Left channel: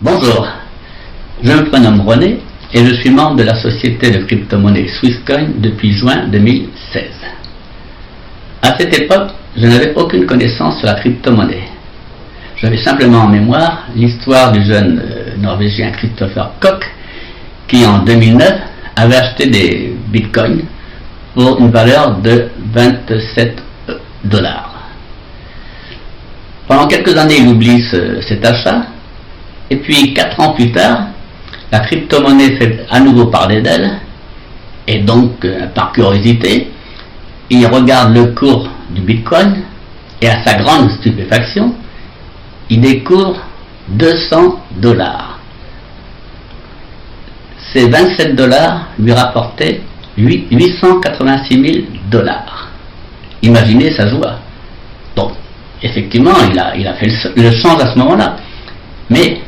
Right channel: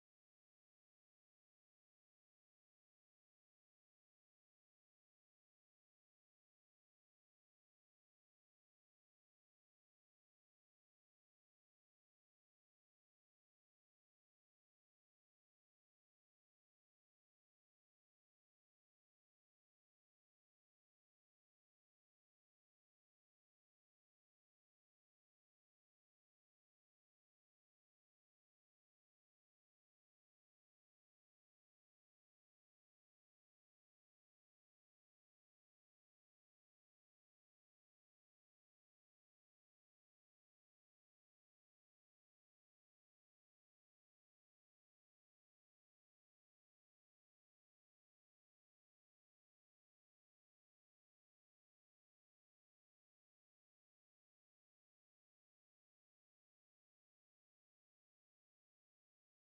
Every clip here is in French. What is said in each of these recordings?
Bonjour, je me prénomme René et je suis membre de la société de crypto-monnaie Swisscoin depuis juin 2016. À cette époque, je n'avais aucune connaissance sur la crypto-monnaie. J'avais simplement en mémoire l'histoire du jeune norvégien Christopher Koch qui en 2009 avait acheté des bitcoins pour une valeur de 27 $. Pendant quelques années, il oublie cet achat, et puis 4 ans plus tard, la crypto-monnaie fait à nouveau parler d'elle, et donc, par curiosité, il regarde le cours du bitcoin, et à sa grande stupéfaction, il découvre 200 $. Ces 27 $ lui rapportaient 886 000 $. Imaginez sa joie. Donc, effectivement, il a fait le change à ce moment-là. Mais,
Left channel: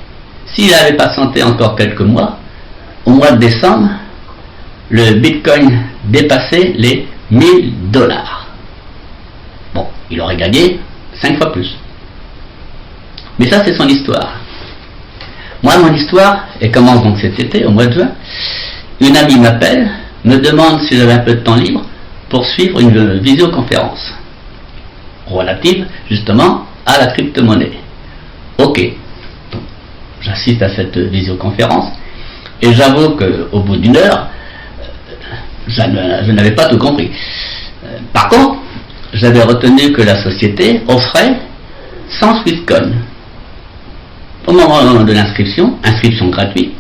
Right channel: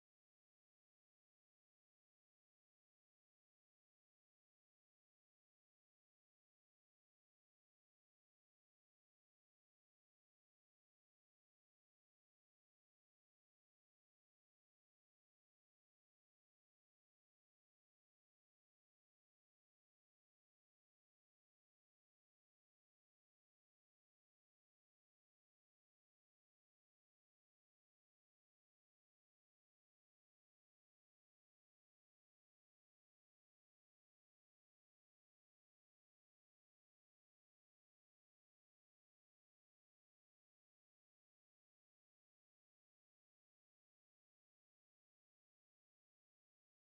s'il avait patienté encore quelques mois, au mois de décembre, le bitcoin dépassait les 1000 $. Bon, il aurait gagné 5 fois plus. Mais ça, c'est son histoire. Moi, mon histoire, elle commence donc cet été, au mois de juin. Une amie m'appelle, me demande si j'avais un peu de temps libre pour suivre une visioconférence relative, justement, à la crypto-monnaie. Ok. Donc, j'assiste à cette visioconférence et j'avoue qu'au bout d'une heure, je n'avais pas tout compris. Par contre, j'avais retenu que la société offrait 100 Swisscoin au moment de l'inscription, inscription gratuite,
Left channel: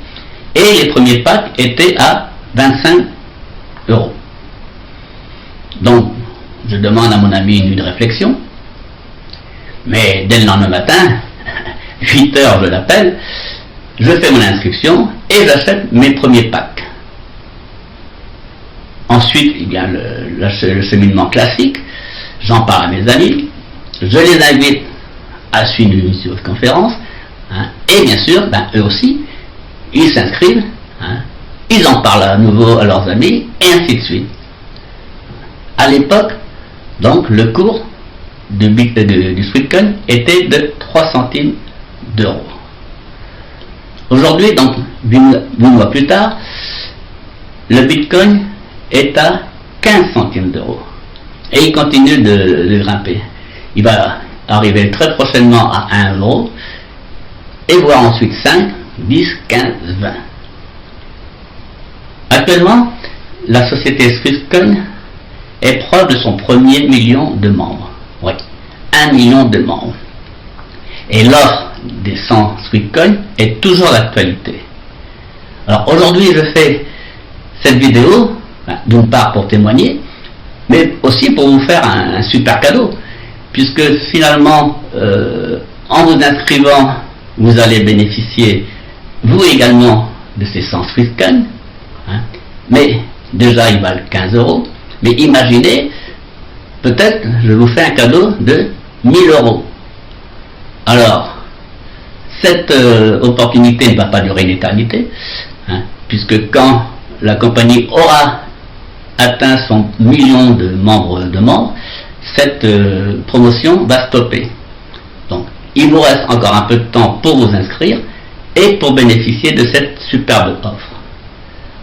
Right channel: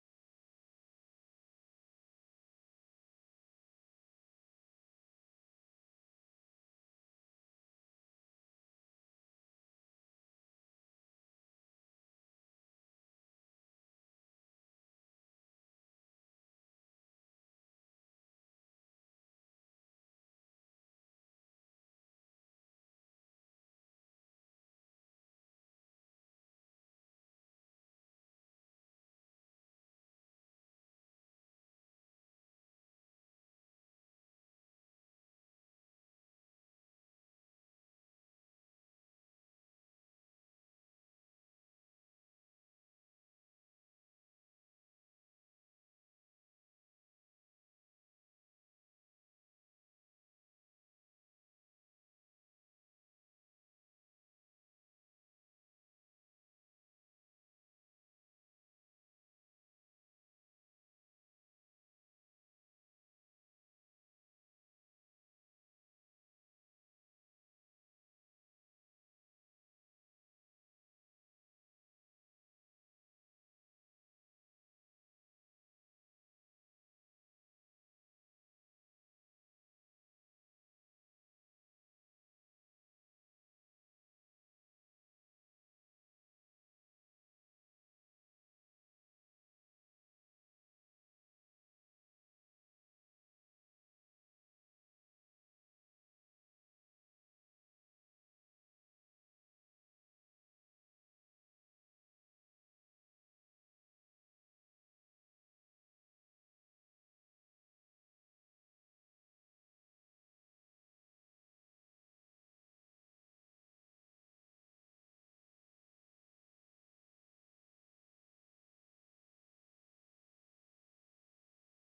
et les premiers packs étaient à 25 €. Donc, je demande à mon ami une nuit de réflexion, mais dès le lendemain matin, 8 h, je l'appelle, je fais mon inscription et j'achète mes premiers packs. Ensuite, il y a le cheminement classique, j'en parle à mes amis, je les invite à suivre une visioconférence, et bien sûr, eux aussi, ils s'inscrivent, ils en parlent à nouveau à leurs amis, et ainsi de suite. À l'époque, donc, le cours du Swisscoin était de 3 centimes d'euros. Aujourd'hui, donc, 8 mois plus tard, le Bitcoin est à 15 centimes d'euros. Et il continue de grimper. Il va arriver très prochainement à 1 €, et voire ensuite 5, 10, 15, 20. Actuellement, la société Swisscoin est proche de son premier million de membres. Oui, 1 million de membres. Et l'offre des 100 Swisscoin est toujours d'actualité. Alors aujourd'hui, je fais cette vidéo, d'une part pour témoigner, mais aussi pour vous faire un super cadeau, puisque finalement, en vous inscrivant, vous allez bénéficier, vous également, de ces 100 Swisscoin, mais déjà ils valent 15 €, mais imaginez, peut-être je vous fais un cadeau de 1000 €. Alors, cette opportunité ne va pas durer une éternité, puisque quand la compagnie aura atteint son million de membres, cette promotion va stopper. Donc, il vous reste encore un peu de temps pour vous inscrire et pour bénéficier de cette superbe offre.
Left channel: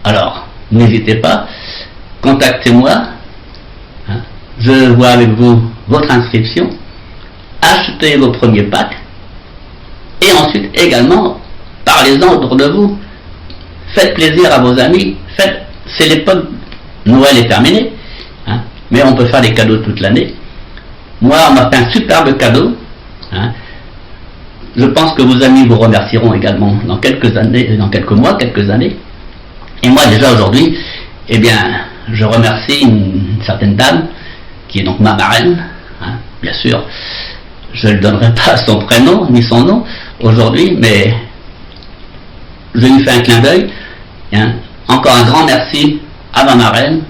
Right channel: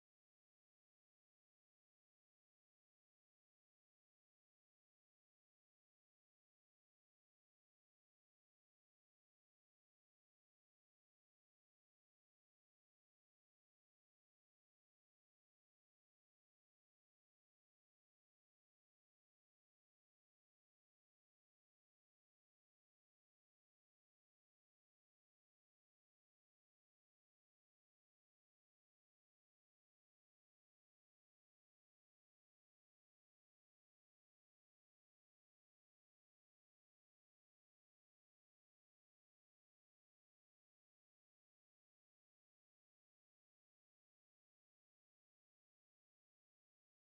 Alors, n'hésitez pas, contactez-moi, je vois avec vous votre inscription, achetez vos premiers packs, et ensuite également, parlez-en autour de vous, faites plaisir à vos amis, c'est l'époque, Noël est terminé, mais on peut faire des cadeaux toute l'année. Moi, on m'a fait un superbe cadeau, je pense que vos amis vous remercieront également dans quelques années, dans quelques mois, quelques années. Et moi déjà aujourd'hui, eh bien, je remercie une certaine dame, qui est donc ma marraine, bien sûr, je ne donnerai pas son prénom, ni son nom, aujourd'hui, mais je lui fais un clin d'œil, encore un grand merci à ma marraine,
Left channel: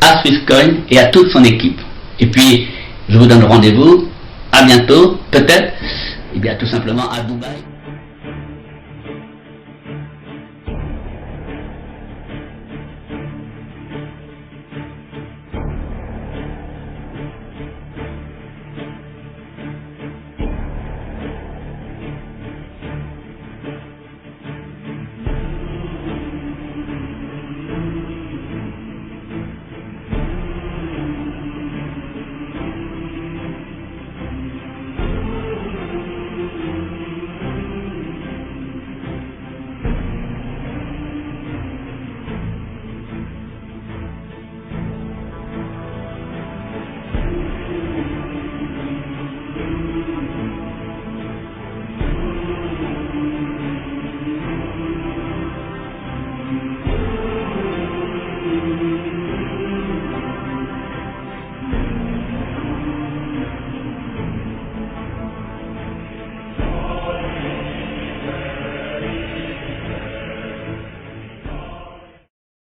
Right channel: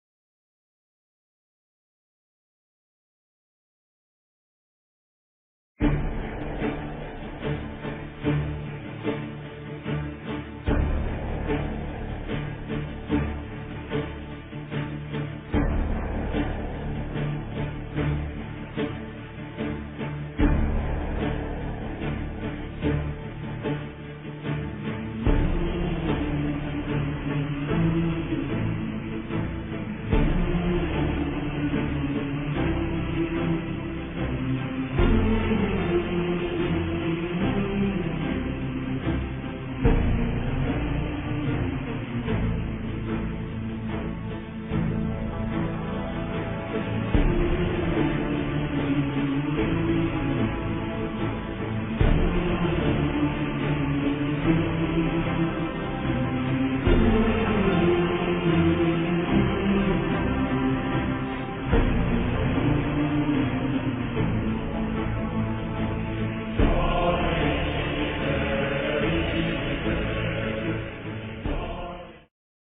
à Swisscoin et à toute son équipe. Et puis, je vous donne rendez-vous, à bientôt, peut-être, eh bien tout simplement à Dubaï.